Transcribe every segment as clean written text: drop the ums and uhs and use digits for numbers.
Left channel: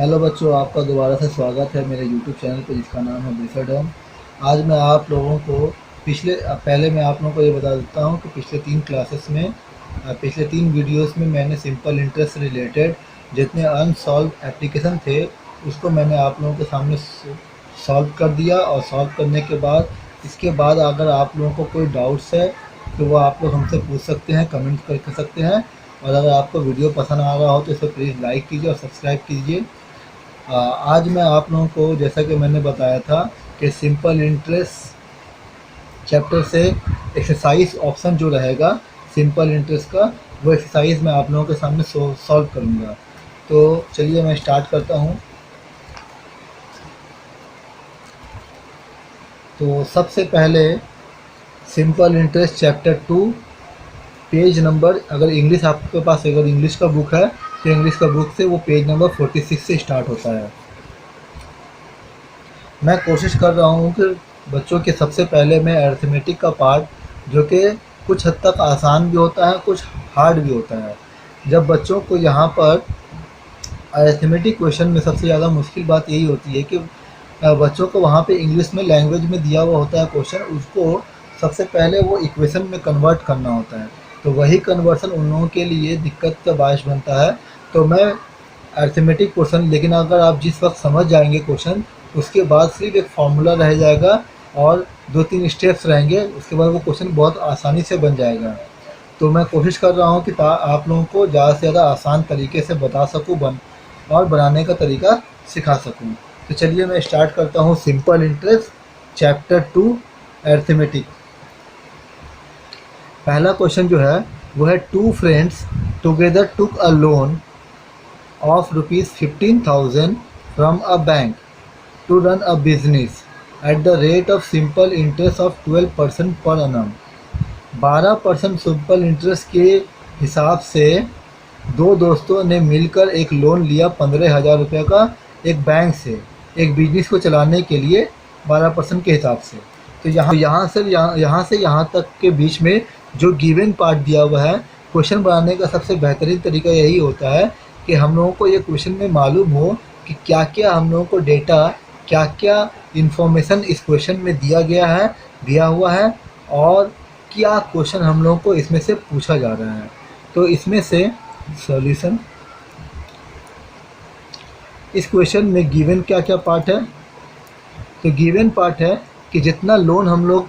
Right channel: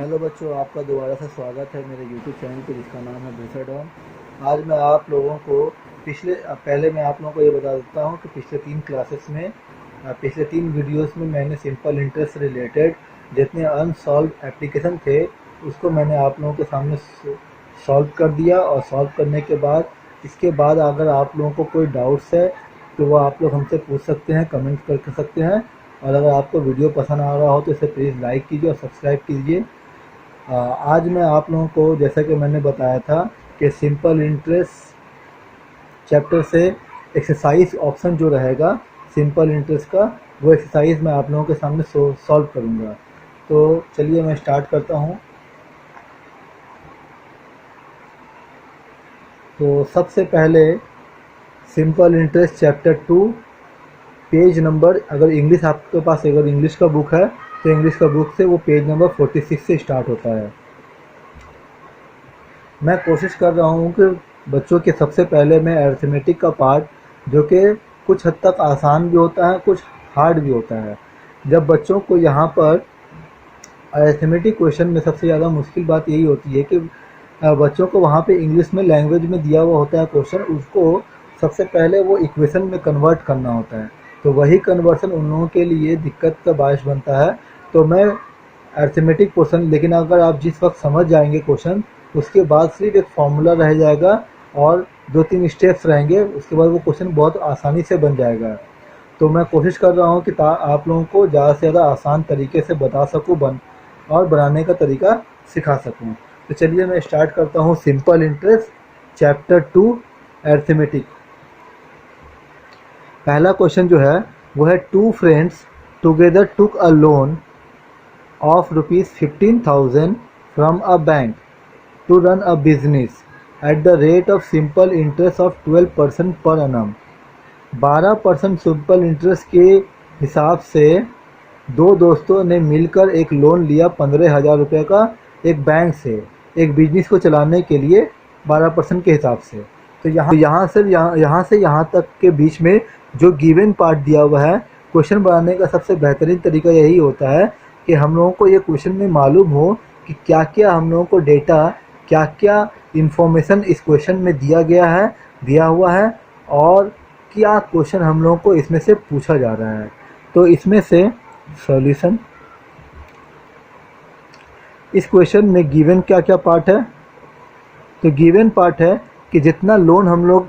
Hello बच्चों, आपका दोबारा से स्वागत है मेरे यूट्यूब चैनल पे जिसका नाम है बेसडम। आज मैं आप लोगों को पहले मैं आप लोगों को ये बता देता हूँ कि पिछले 3 क्लासेस में पिछले 3 वीडियोस में मैंने सिंपल इंटरेस्ट से रिलेटेड जितने अनसॉल्व एप्लीकेशन थे उसको मैंने आप लोगों के सामने सॉल्व कर दिया। और सॉल्व करने के बाद इसके बाद अगर आप लोगों को कोई डाउट्स है तो वो आप लोग हमसे पूछ सकते हैं, कमेंट कर सकते हैं। और अगर आपको वीडियो पसंद आ रहा हो तो इसे प्लीज़ लाइक कीजिए और सब्सक्राइब कीजिए। आज मैं आप लोगों को जैसा कि मैंने बताया था कि सिंपल इंटरेस्ट चैप्टर से एक्सरसाइज ऑप्शन जो रहेगा सिंपल इंटरेस्ट का, वो एक्सरसाइज मैं आप लोगों के सामने सॉल्व करूँगा। तो चलिए मैं स्टार्ट करता हूँ। तो सबसे पहले simple interest chapter 2 page number, अगर इंग्लिश आपके पास अगर इंग्लिश का बुक है तो इंग्लिश का बुक से वो पेज नंबर 46 से स्टार्ट होता है। मैं कोशिश कर रहा हूँ कि बच्चों के सबसे पहले मैं अरिथमेटिक का पार्ट जो कि कुछ हद तक आसान भी होता है, कुछ हार्ड भी होता है। जब बच्चों को यहाँ पर अरिथमेटिक क्वेश्चन में सबसे ज़्यादा मुश्किल बात यही होती है कि बच्चों को वहाँ पे इंग्लिश में लैंग्वेज में दिया हुआ होता है क्वेश्चन, उसको सबसे पहले वो इक्वेशन में कन्वर्ट करना होता है। तो वही कन्वर्सन उन लोगों के लिए दिक्कत का बायस बनता है। तो मैं अरिथमेटिक क्वेश्चन, लेकिन अगर आप जिस वक्त समझ जाएंगे क्वेश्चन, उसके बाद सिर्फ एक फार्मूला रह जाएगा और 2-3 स्टेप्स रहेंगे, उसके बाद वो क्वेश्चन बहुत आसानी से बन जाएगा। तो मैं कोशिश कर रहा हूँ कि आप लोगों को ज़्यादा से ज़्यादा आसान तरीके से बता सकूँ और बनाने का तरीका सिखा सकूँ। तो चलिए मैं स्टार्ट करता हूँ सिंपल इंटरेस्ट चैप्टर 2 अरिथमेटिक। पहला क्वेश्चन जो है वो है, two friends together took a loan of rupees 15,000 from a bank to run a business at the rate of simple interest of 12% per annum। 12% simple interest के हिसाब से दो दोस्तों ने मिलकर एक लोन लिया 15,000 रुपये का एक बैंक से, एक बिजनेस को चलाने के लिए 12% के हिसाब से। तो यहाँ से यहाँ तक के बीच में जो गिवन पार्ट दिया हुआ है, क्वेश्चन बनाने का सबसे बेहतरीन तरीका यही होता है कि हम लोगों को ये क्वेश्चन में मालूम हो कि क्या क्या हम लोगों को डेटा, क्या क्या इंफॉर्मेशन इस क्वेश्चन में दिया हुआ है और क्या क्वेश्चन हम लोगों को इसमें से पूछा जा रहा है। तो इसमें से सॉल्यूशन, इस क्वेश्चन में गिवन क्या क्या पार्ट है। तो गिवन पार्ट है कि जितना लोन हम लोग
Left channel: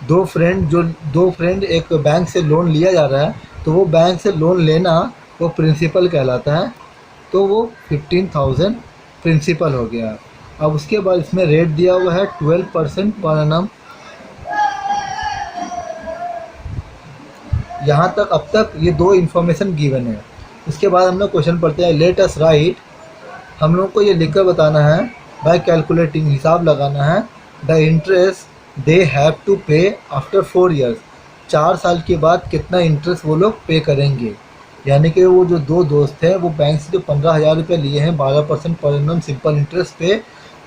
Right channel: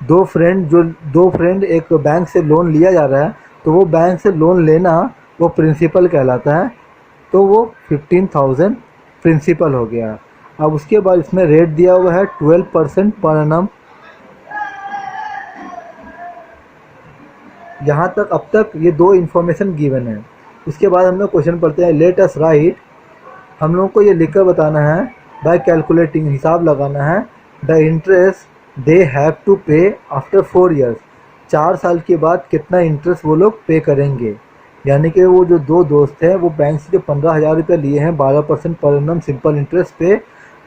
दो फ्रेंड एक बैंक से लोन लिया जा रहा है, तो वो बैंक से लोन लेना वो प्रिंसिपल कहलाता है। तो वो 15,000 प्रिंसिपल हो गया। अब उसके बाद इसमें रेट दिया हुआ है 12% पर एनम। यहाँ तक अब तक ये दो इन्फॉर्मेशन गिवन है। उसके बाद हम लोग क्वेश्चन पढ़ते हैं, लेट अस राइट। हम लोग को ये लिखकर बताना है, बाय कैलकुलेटिंग, हिसाब लगाना है, the interest they have to pay after 4 years. 4 साल के बाद कितना इंटरेस्ट वो लोग पे करेंगे। यानी कि वो जो दो दोस्त हैं वो बैंक से जो 15,000 रुपये लिए हैं 12% पर एनम सिंपल इंटरेस्ट पे,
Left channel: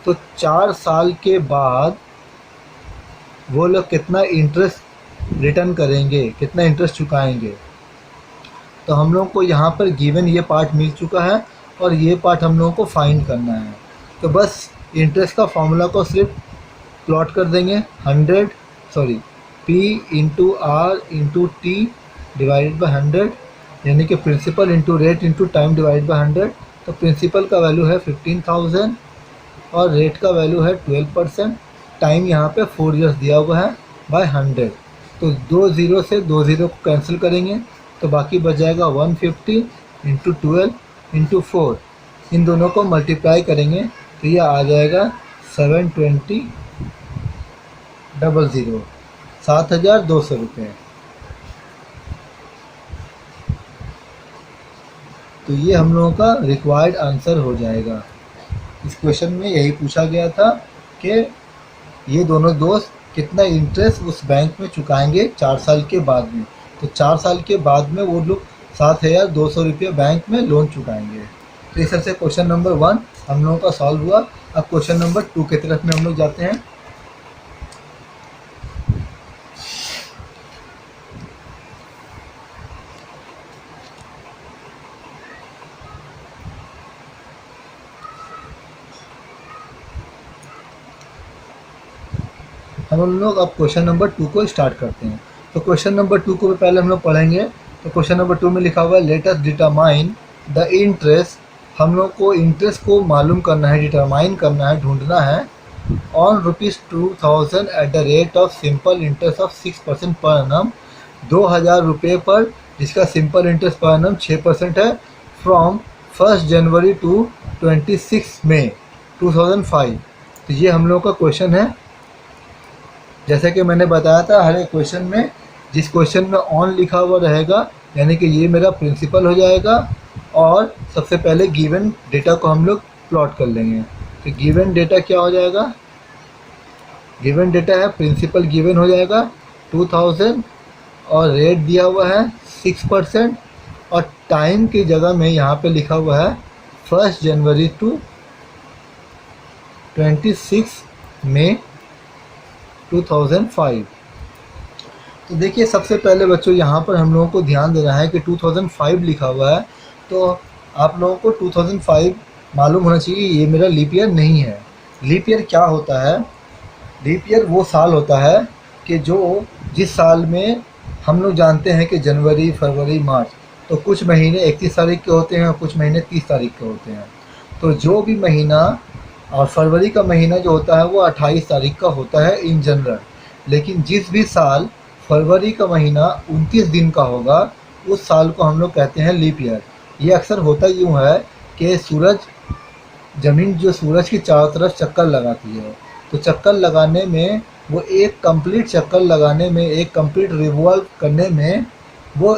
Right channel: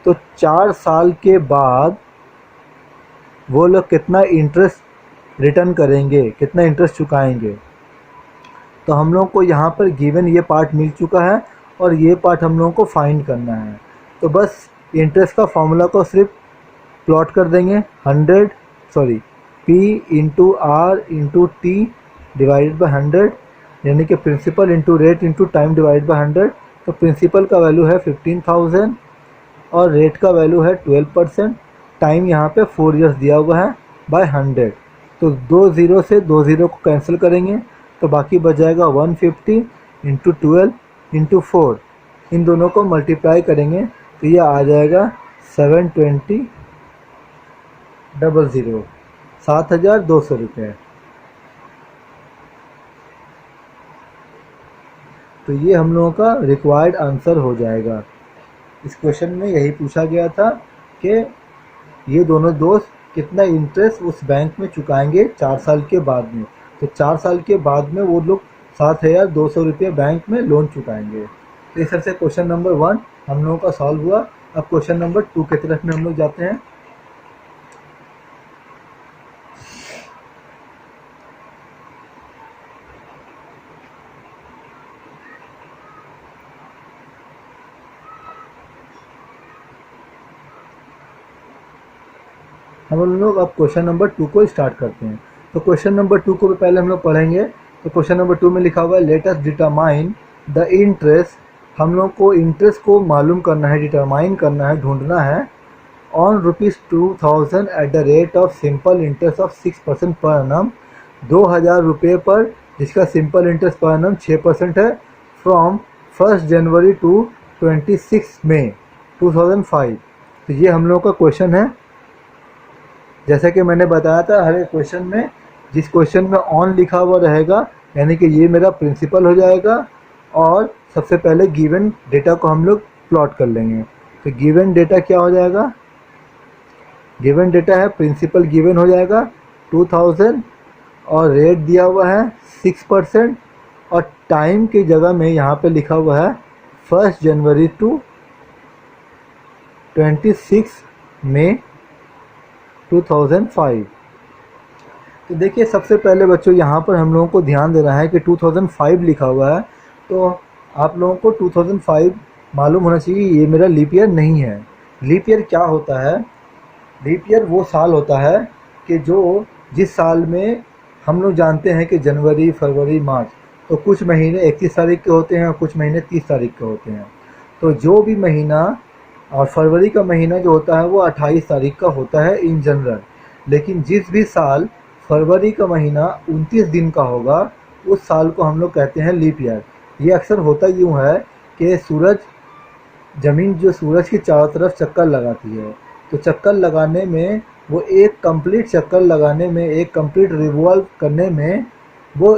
तो 4 साल के बाद वो लोग कितना इंटरेस्ट रिटर्न करेंगे, कितना इंटरेस्ट चुकाएंगे। तो हम लोग को यहाँ पर गिवन ये पार्ट मिल चुका है और ये पार्ट हम लोगों को फाइंड करना है। तो बस इंटरेस्ट का फॉर्मूला को सिर्फ प्लॉट कर देंगे, 100 sorry P into R into T divided by 100, यानी कि principal into rate into time divide by 100। तो प्रिंसिपल का वैल्यू है 15,000 और रेट का वैल्यू है 12%। टाइम यहाँ पे 4 ईयर्स दिया हुआ है बाय 100। तो 2 ज़ीरो से 2 ज़ीरो को कैंसिल करेंगे तो बाकी बच जाएगा 150 इंटू 12 इंटू 4। इन दोनों को मल्टीप्लाई करेंगे तो ये आ जाएगा 720,000, 7,200 रुपये। तो ये हम लोगों का रिक्वायर्ड आंसर हो जाएगा। इस क्वेश्चन में यही पूछा गया था कि ये दोनों दोस्त कितना इंटरेस्ट उस बैंक में चुकाएंगे 4 साल के बाद में। तो 4 साल के बाद में वो लोग 7,200 रुपये बैंक में लोन चुकाएंगे। तो इस तरह से क्वेश्चन नंबर 1 हम लोगों का सॉल्व हुआ। अब क्वेश्चन नंबर 2 की तरफ में हम लोग जाते हैं। हम लोग अब क्वेश्चन नंबर 2 को स्टार्ट करते हैं। तो क्वेश्चन नंबर 2 को पहले हम लोग पढ़ेंगे। तो क्वेश्चन नंबर 2 में लिखा हुआ है let us determine the interest. हम लोग को इंटरेस्ट को मालूम करना है, डिटरमाइन करना है, ढूंढना है on ₹2000 at the rate of simple interest of 6% per annum. 2000 रुपये पर जिसका सिंपल इंटरेस्ट पर एनम 6% है, फ्रॉम 1 जनवरी टू 26 मई 2005। तो ये हम लोग का क्वेश्चन है। जैसे कि मैंने बताया था, हर एक क्वेश्चन में जिस क्वेश्चन में ऑन लिखा हुआ रहेगा यानी कि ये मेरा प्रिंसिपल हो जाएगा, और सबसे पहले गिवन डेटा को हम लोग प्लॉट कर लेंगे। तो गिवन डेटा क्या हो जाएगा, गिवन डेटा है प्रिंसिपल गिवन हो जाएगा 2000 और रेट दिया हुआ है 6%, और टाइम की जगह में यहाँ पे लिखा हुआ है 1 जनवरी टू 26 मई 2005। तो देखिए सबसे पहले बच्चों यहाँ पर हम लोगों को ध्यान देना है कि 2005 लिखा हुआ है, तो आप लोगों को 2005 मालूम होना चाहिए ये मेरा लीप ईयर नहीं है। लीप ईयर क्या होता है, लीप ईयर वो साल होता है कि जो जिस साल में हम लोग जानते हैं कि जनवरी, फरवरी, मार्च, तो कुछ महीने 31 तारीख के होते हैं और कुछ महीने 30 तारीख के होते हैं। तो जो भी महीना, और फरवरी का महीना जो होता है वो 28 तारीख का होता है इन जनरल, लेकिन जिस भी साल फरवरी का महीना 29 दिन का होगा उस साल को हम लोग कहते हैं लीप ईयर। ये अक्सर होता यूँ है कि ज़मीन जो सूरज की चारों तरफ चक्कर लगाती है, तो चक्कर लगाने में वो एक कंप्लीट चक्कर लगाने में, एक कंप्लीट रिवॉल्व करने में वो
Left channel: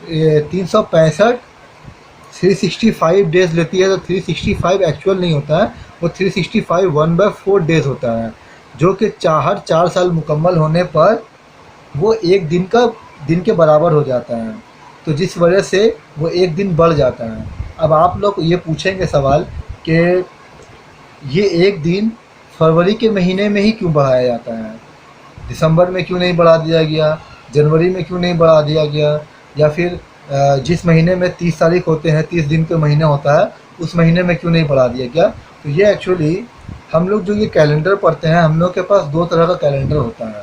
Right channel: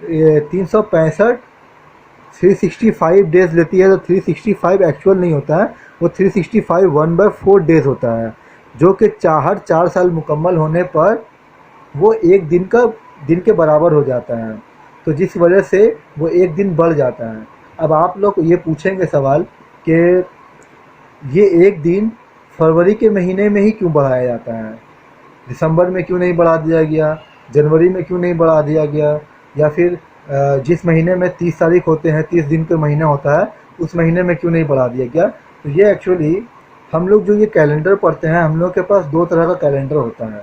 365 365 डेज़ लेती है। तो 365 एक्चुअल नहीं होता है, वो 365 1/4 डेज़ होता है, जो कि हर 4 साल मुकम्मल होने पर वो एक दिन के बराबर हो जाता है। तो जिस वजह से वो एक दिन बढ़ जाता है। अब आप लोग ये पूछेंगे सवाल कि ये एक दिन फरवरी के महीने में ही क्यों बढ़ाया जाता है, दिसंबर में क्यों नहीं बढ़ा दिया गया, जनवरी में क्यों नहीं बढ़ा दिया गया, या फिर जिस महीने में 30 तारीख होते हैं, 30 दिन का महीना होता है, उस महीने में क्यों नहीं बढ़ा दिया गया। तो ये एक्चुअली हम लोग जो ये कैलेंडर पढ़ते हैं, हम लोग के पास 2 तरह का कैलेंडर होता है,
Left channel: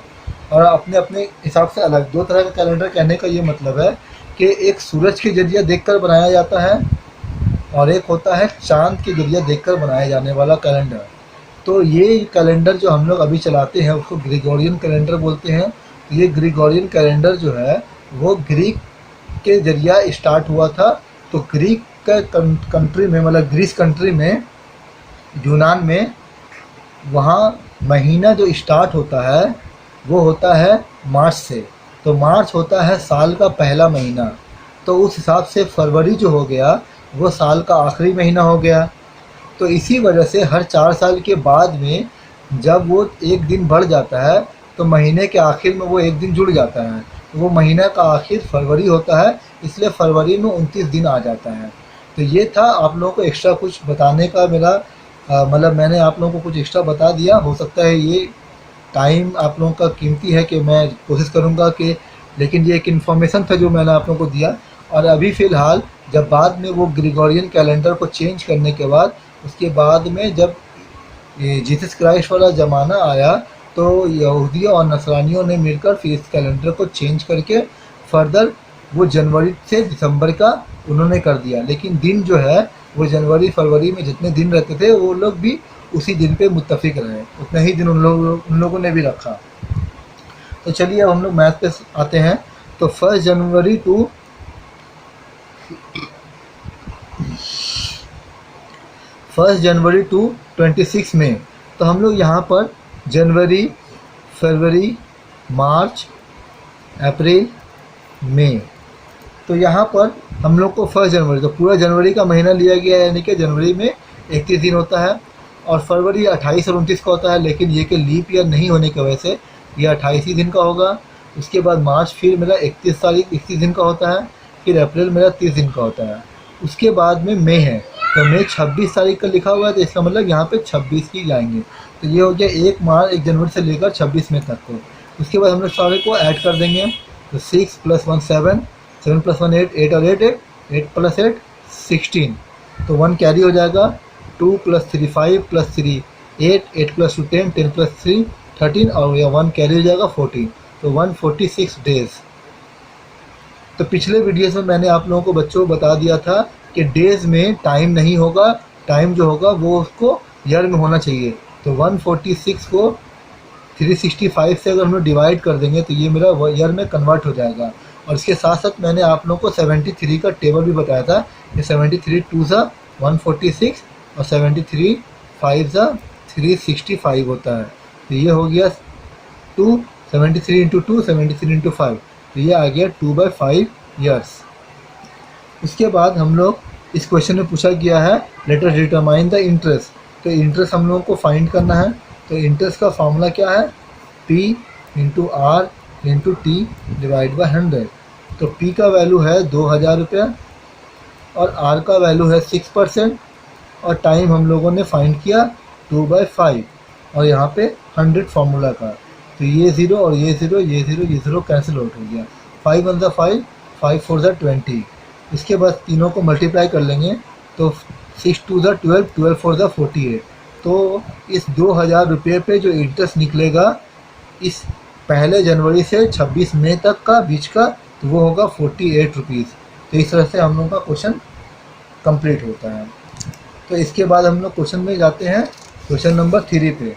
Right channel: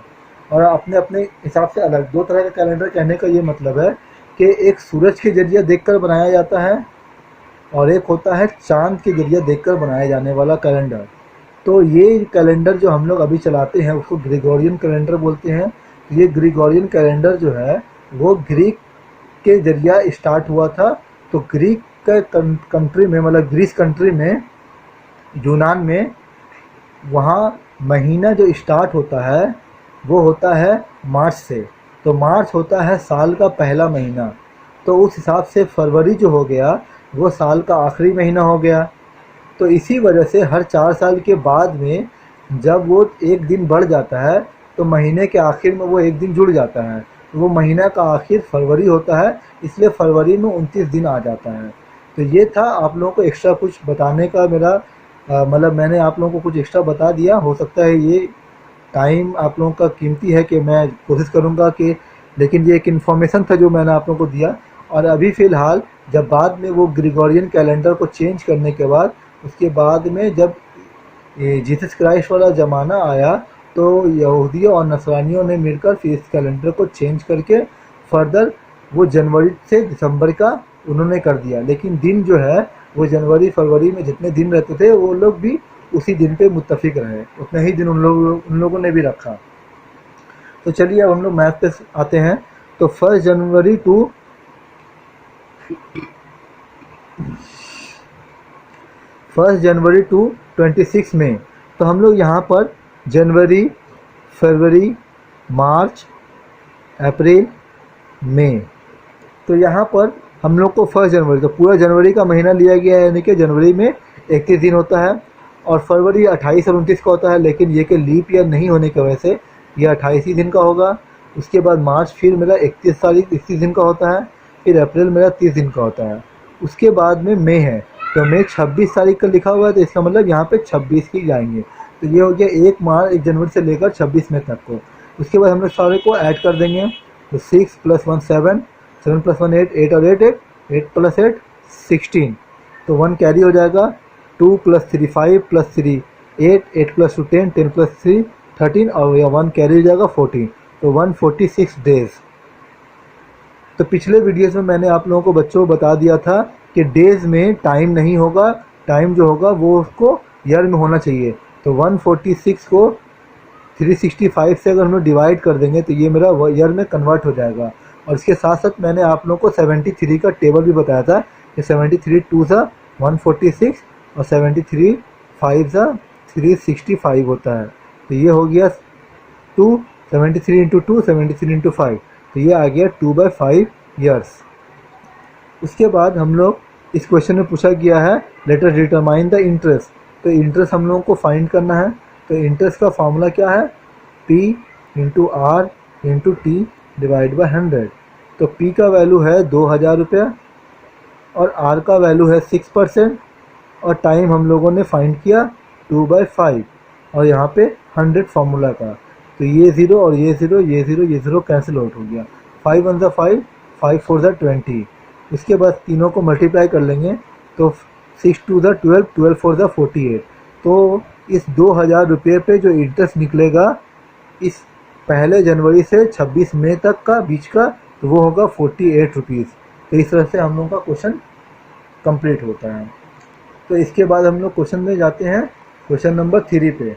और अपने अपने हिसाब से अलग 2 तरह का कैलेंडर कहने का ये मतलब है कि एक सूरज के जरिए देखकर बनाया जाता है और एक होता है चाँद के जरिए देखकर बनाया जाने वाला कैलेंडर। तो ये कैलेंडर जो हम लोग अभी चलाते हैं उसको ग्रेगोरियन कैलेंडर बोलते हैं। ये ग्रेगोरियन कैलेंडर जो है वो ग्रीक के जरिया स्टार्ट हुआ था। तो ग्रीक का कंट्री में, मतलब ग्रीस कंट्री में, यूनान में, वहाँ महीना जो स्टार्ट होता है वो होता है मार्च से। तो मार्च होता है साल का पहला महीना, तो उस हिसाब से फरवरी जो हो गया वो साल का आखिरी महीना हो गया। तो इसी वजह से हर 4 साल के बाद में जब वो एक दिन बढ़ जाता है तो महीने के आखिर में वो एक दिन जुड़ जाता है, तो वो महीना का आखिर फरवरी होता है, इसलिए फरवरी में 29 दिन आ जाता है। तो ये था आप लोगों को एक्स्ट्रा कुछ बताने का मेरा मतलब मैंने आप लोगों को कुछ एक्स्ट्रा बता दिया। हो सकता है ये टाइम आप लोगों का कीमती है कि मैं कोशिश करूँगा कि, लेकिन ये एक इन्फॉर्मेशन था जो मैंने आप लोगों को दिया। और अभी फ़िलहाल जब बाद में वो ग्रेगोरियन कैलेंडर को चेंज करने के बाद, उसके बाद में जब ये जीसस क्राइस्ट वाला ज़माना आया तो यहूदियों और नसरानियों ने मिलकर फिर इस कैलेंडर को चेंज करके फर्दर वो जनवरी से दिसंबर का उन्होंने कर दिया। लेकिन दिन जो है वो जनवरी फरवरी में जितने दिन रहते थे वो लोग भी उसी दिन पे मुत्तफिक रहे, उतने ही दिन उन लोगों ने भी रखा। तो चलिए अब हम लोग मैथ पे आते हैं। तो 1 जनवरी टू 26 मई, तो हम लोग यहाँ पर जनवरी, फरवरी, मार्च, अप्रैल, मई, तो यहाँ पर हम लोग को 1 जनवरी, तो पूरा जनवरी का महीना लिया गया है, यानी कि जनवरी में 31 दिन होता है और फरवरी 28 और 29 का होता है, लेकिन ये कि लीप ईयर नहीं होने की वजह से ये 28 ही दिन का होगा। उसके बाद मार्च फिर मेरा 31 दिन का होता है, फिर अप्रैल मेरा 30 दिन का होता है। उसके बाद में मई है, तो मई 26 तारीख का लिखा हुआ है, तो इसका मतलब यहाँ पे 26 ही जाएंगे। तो ये हो गया 1 जनवरी से लेकर 26 मई तक को। उसके बाद हम लोग सारे को ऐड कर देंगे, तो 6 + 1 7, 7 + 1 8, 8 और 8 8, 8 + 8 16, तो 1 कैरी हो जाएगा। 2 + 3 5 + 3 8, 8 + 2 10, 10 + 3 13 और यह 1 कैरी हो जाएगा 14, तो 146 डेज। तो पिछले वीडियोस में मैंने आप लोगों को बच्चों को बता दिया था कि डेज में टाइम नहीं होगा, टाइम जो होगा वो उसको ईयर में होना चाहिए। तो 146 को 365 से अगर हम लोग डिवाइड कर देंगे तो ये मेरा ईयर में कन्वर्ट हो जाएगा। और इसके साथ साथ मैंने आप लोगों को 73 का टेबल भी बताया था कि 73 टू सा 146 और 73 फाइव सा 365 होता है। तो ये हो गया 2, 73 इंटू 2, 73 इंटू 5, तो ये आ गया 2/5 ईयर्स। उसके बाद हम लोग इस क्वेश्चन में पूछा गया है let us determine the interest. तो इंटरेस्ट हम लोगों को फाइंड करना है। तो इंटरेस्ट का फॉर्मूला क्या है, P into R into T divide by 100। तो P का वैल्यू है 2000 रुपया और R का वैल्यू है 6% और टाइम हम लोगों ने फाइंड किया 2/5 और यहाँ पे 100 फार्मूला का। तो ये 0 और ये 0, ये 0, ये 0 कैंसिल आउट हो गया। 5 1 ज़ा 5, 5 4 ज़ा 20। इसके बाद तीनों को मल्टीप्लाई कर लेंगे तो 6 2 ज़ा 12, 12 4 ज़ा 48। तो इस 2000 रुपये पे जो इंटरेस्ट निकलेगा इस 1 जनवरी से 26 मई तक का बीच का, तो वो होगा 48 रुपीज़। तो इस तरह से हम लोगों का क्वेश्चन कंप्लीट होता है। तो इसके बाद हम लोग क्वेश्चन में जाते हैं, क्वेश्चन नंबर 3 पे।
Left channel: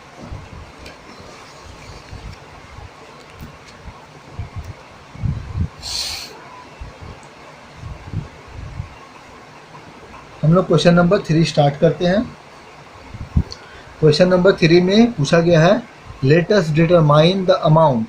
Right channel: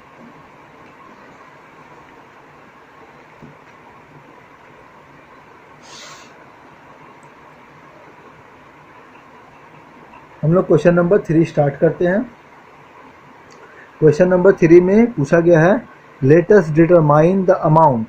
हम लोग क्वेश्चन नंबर 3 स्टार्ट करते हैं। क्वेश्चन नंबर 3 में पूछा गया है let us determine the amount.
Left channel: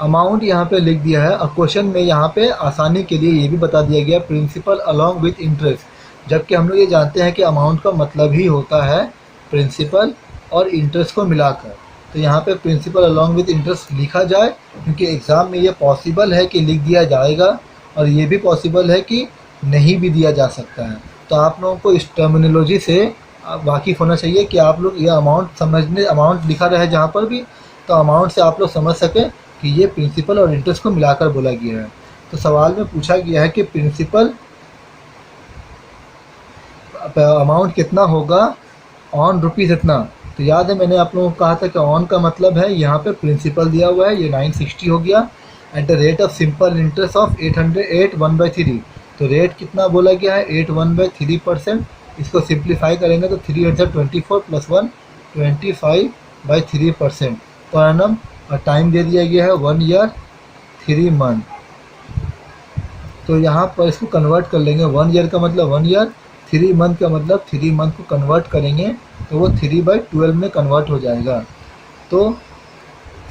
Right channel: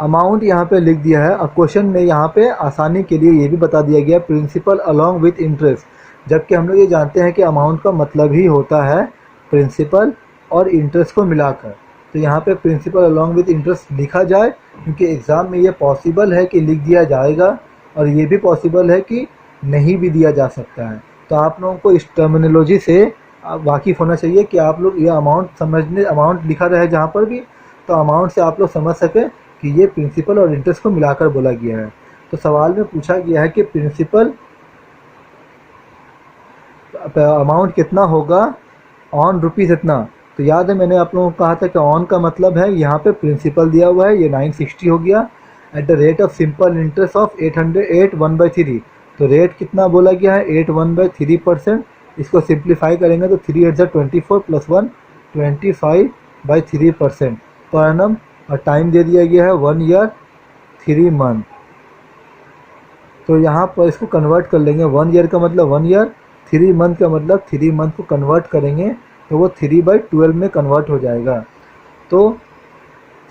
Amount यहाँ पे लिख दिया है और क्वेश्चन में यहाँ पे आसानी के लिए ये भी बता दिया गया प्रिंसिपल अलॉन्ग विथ इंटरेस्ट, जबकि हम लोग ये जानते हैं कि अमाउंट का मतलब ही होता है प्रिंसिपल और इंटरेस्ट को मिलाकर। तो यहाँ पे प्रिंसिपल अलॉन्ग विथ इंटरेस्ट लिखा जाए क्योंकि एग्ज़ाम में ये पॉसिबल है कि लिख दिया जाएगा और ये भी पॉसिबल है कि नहीं भी दिया जा सकता है। तो आप लोगों को इस टर्मिनोलॉजी से वाकिफ़ होना चाहिए कि आप लोग ये अमाउंट समझने, अमाउंट लिखा रहे जहाँ पर भी, तो अमाउंट से आप लोग समझ सकें कि ये प्रिंसिपल और इंटरेस्ट को मिलाकर बोला गया है। तो सवाल में पूछा गया है कि प्रिंसिपल अमाउंट कितना होगा ऑन रुपीज़ इतना। तो याद है मैंने आप लोगों को कहा था कि ऑन का मतलब है यहाँ पे प्रिंसिपल दिया हुआ है, ये 960 हो गया at the rate of simple interest of 808 1/3। तो रेट कितना बोला गया है 8 1/3%। इसको सिंप्लीफाई करेंगे तो 3 8 24 प्लस 1 25/3% पर एनम। और टाइम दे दिया गया है 1 ईयर 3 मंथ। तो यहाँ पर इसको कन्वर्ट कर लेंगे, 1 ईयर का मतलब 1 ईयर, 3 मंथ का मतलब 3 मंथ को कन्वर्ट करेंगे तो वो 3/12 में कन्वर्ट हो जाएगा। तो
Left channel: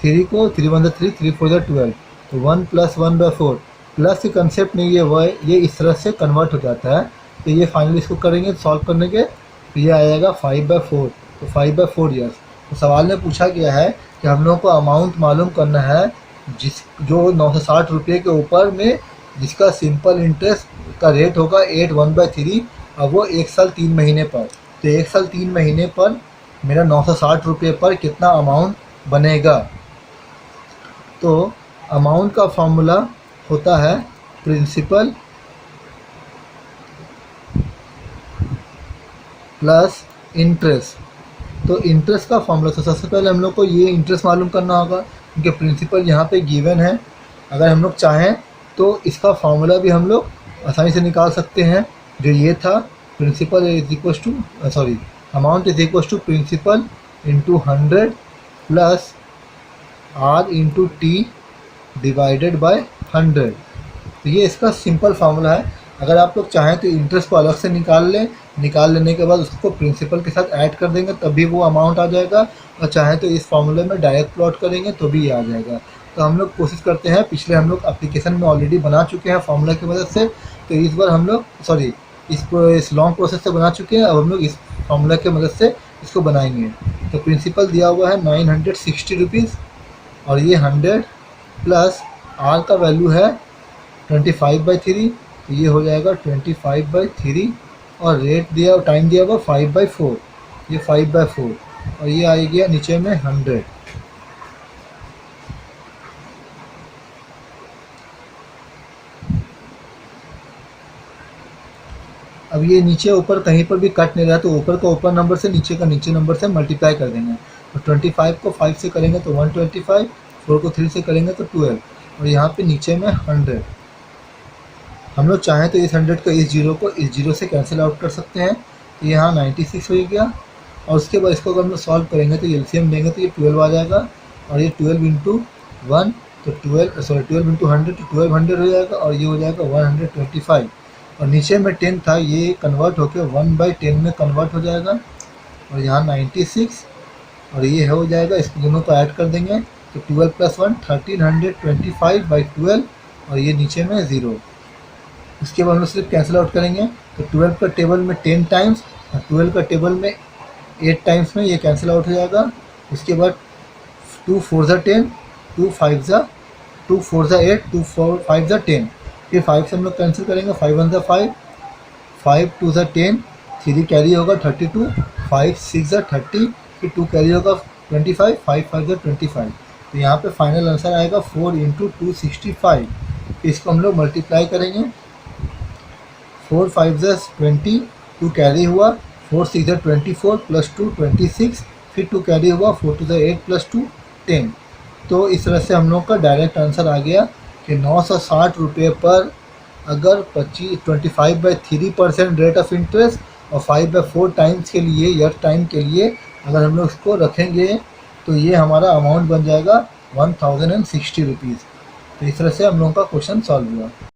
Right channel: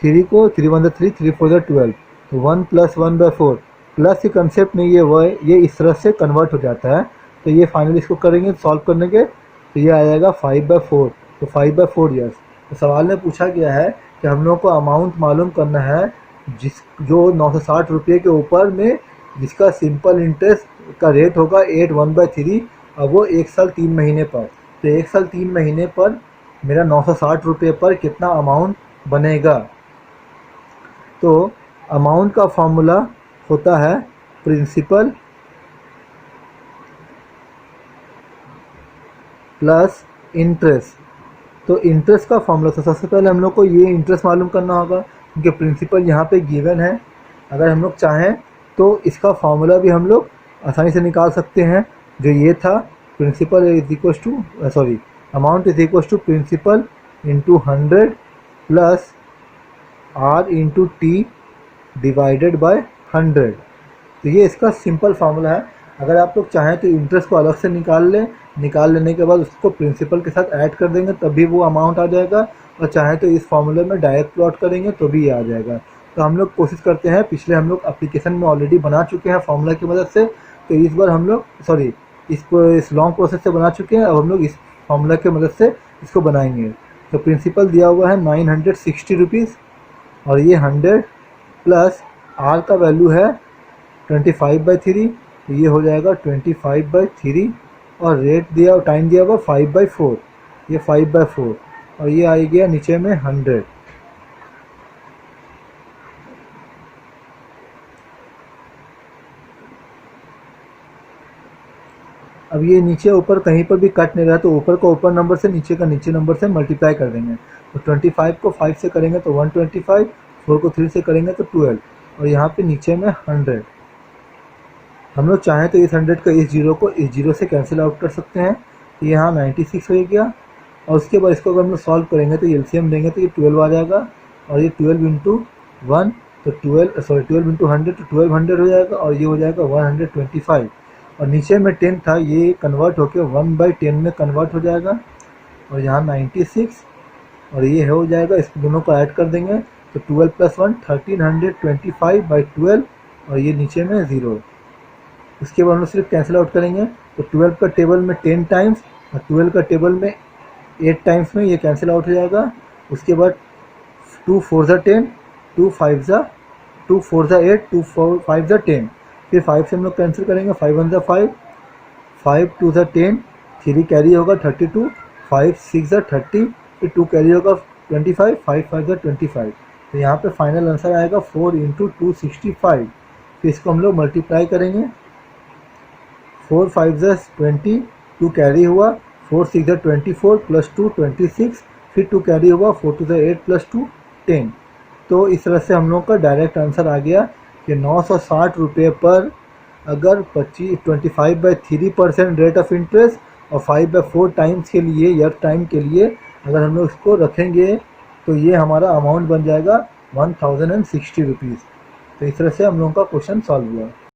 3 को 3 1 3, 3 4 12, तो 1 + 1/4 प्लस के कंसेप्ट में ये इस तरह से कन्वर्ट हो जाता है। तो ये फाइनली इसको करेंगे सॉल्व करने के तो ये आ जाएगा 5/4, तो 5/4 ईयर्स। तो सवाल में पूछा गया है कि हम लोग को अमाउंट मालूम करना है जो 960 रुपये के ऊपर में जिसका सिंपल इंटरेस्ट का रेट होगा 8 1/3 और वो 1 साल 3 महीने पर। तो 1 साल 3 महीने पर मेरा 960 रुपये पर कितना अमाउंट बनेगा। तो अमाउंट का फॉर्मूला होता है प्रिंसिपल प्लस इंटरेस्ट। तो इंटरेस्ट का फॉर्मूला, तो सबसे पहले हम लोग को ये इंटरेस्ट मालूम करना होगा क्योंकि प्रिंसिपल यहाँ पे गिवन है। अगर हम लोग चाहें तो इसका फॉर्मूला भी हम लोग आसानी से निकाल सकते हैं, जो ये था principal is equal to sorry amount is equal to principal into 100 plus R into T divided by 100। तो ये इसका सिंपल फार्मूला है। अगर आप लोग चाहें तो इंटरेस्ट को अलग से निकाल लें, निकाल लेने के बाद उसको प्रिंसिपल के साथ ऐड कर देंगे तभी वो अमाउंट आ जाएगा, और चाहें तो इस फार्मूले में डायरेक्ट प्लॉट करेंगे तो भी ये आ जाएगा। तो हम लोग कोशिश करते हैं, पिछले हम लोग एप्लीकेशन में ऑलरेडी बना चुके हैं फार्मूला की मदद से, तो इस बार हम लोग इस लॉन्ग प्रोसेस से बना चुके हैं, अब हम लोग इस फार्मूला की मदद से इसको बनाएंगे। तो प्रिंसिपल दिया हुआ है 960 रुपीज़ और ये 100 प्लस आर का वैल्यू है 25/3, तो ये हो जाएगा 25/3 और रेट दिया टाइम दिया हुआ 5/4, ये 5/4 और ये आ गया नीचे में 100। अब ये नीचे ऊपर कहीं पर भी कट नहीं रहा तो ऊपर का ऊपर नंबर से नीचे का नीचे नंबर से मल्टीप्लाई कर देंगे। तो 25 को 5 से करेंगे तो 125, 4 को 3 से करेंगे तो 12, और यहाँ पे नीचे में 100। हम लोग चाहें तो इस 100 का इस जीरो को इस जीरो से कैंसिल आउट कर सकते हैं, तो यहाँ 96 हो गया। और उसके बाद इसको अगर हम लोग सॉल्व करेंगे तो एलसीएम लेंगे तो ये 12 आ जाएगा, और ये 12 इंटू 1 तो 12 इंटू 100 तो 1200 हो जाएगा, और ये हो जाएगा 125। और नीचे में 10 था, ये कन्वर्ट होकर 1/10 में कन्वर्ट हो जाएगा, और यहाँ 96, और ये हो जाएगा, इस दोनों को ऐड कर देंगे तो 12 + 1 1325/12, और ये नीचे में 0। उसके बाद हम सिर्फ कैंसिल आउट करेंगे तो 12 का टेबल में 10 टाइम्स और 12 का टेबल में 8 टाइम्स में ये कैंसिल आउट हो जाएगा। उसके बाद 2 4 ज़ा 10, 2 5 ज़ा 8, 2 5 ज़ा 10, फिर 5 से हम लोग कैंसिल करेंगे, 5 1 ज़ा 5, 5 2 ज़ा 10, 3 कैरी होगा 32, 5 6 ज़ा 30, फिर 2 कैरी होगा 25, 5 5 ज़ा 25। तो यहाँ पे फाइनल आंसर आएगा 4 × 265। फिर इसको हम लोग मल्टीप्लाई करेंगे, 4 5 ज़ा 20, 2 कैरी हुआ, 4 6 ज़ा 24 + 2 26, फिर 2 कैरी हुआ, 4 2 ज़ा 8 + 2 10। तो इस तरह से हम लोग का डायरेक्ट आंसर आ गया कि 960 रुपये पर अगर 25/3% रेट ऑफ इंटरेस्ट और 5/4 टाइम्स के लिए ईयर टाइम के लिए अगर हम लोग इसको रखेंगे तो ये हमारा अमाउंट बन जाएगा 1060 रुपीज़। तो इस तरह से हम लोगों का क्वेश्चन सॉल्व हुआ।